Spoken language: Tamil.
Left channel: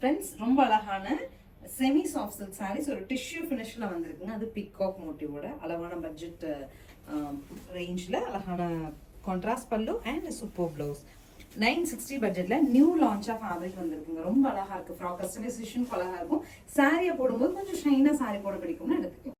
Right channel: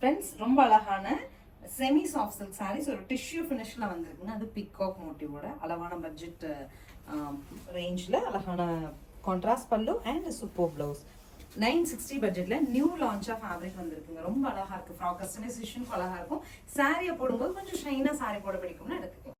ஃப்ரெண்ட்ஸ் ரொம்ப அழகான செமி சாஃப்ட் சில்க் சாரீஸ் ஒரு டிஷ்யூ ஃபினிஷ்ல வந்திருக்குங்க. அது பிகாக் மோட்டிவோட அழகான பட்ஜெட் ரேஞ்சில் அழகான கான்ட்ராஸ்ட் பல்லு அண்ட் சூப்பர் ப்ளவுஸ். 960 பட்ஜெட்ல நியூ லான்ச்சா ஃபேப்ரிக் வந்திருக்குங்க. ரொம்ப அழகா இருக்கு. ஃப்ராக் கஸ்டமைசேஷன் அழகா இருக்கும். சாரியை போடும்போது கொஞ்சம் ஷைனா சாரி போட பிடிக்கும்னு எடுத்துக்கலாம்.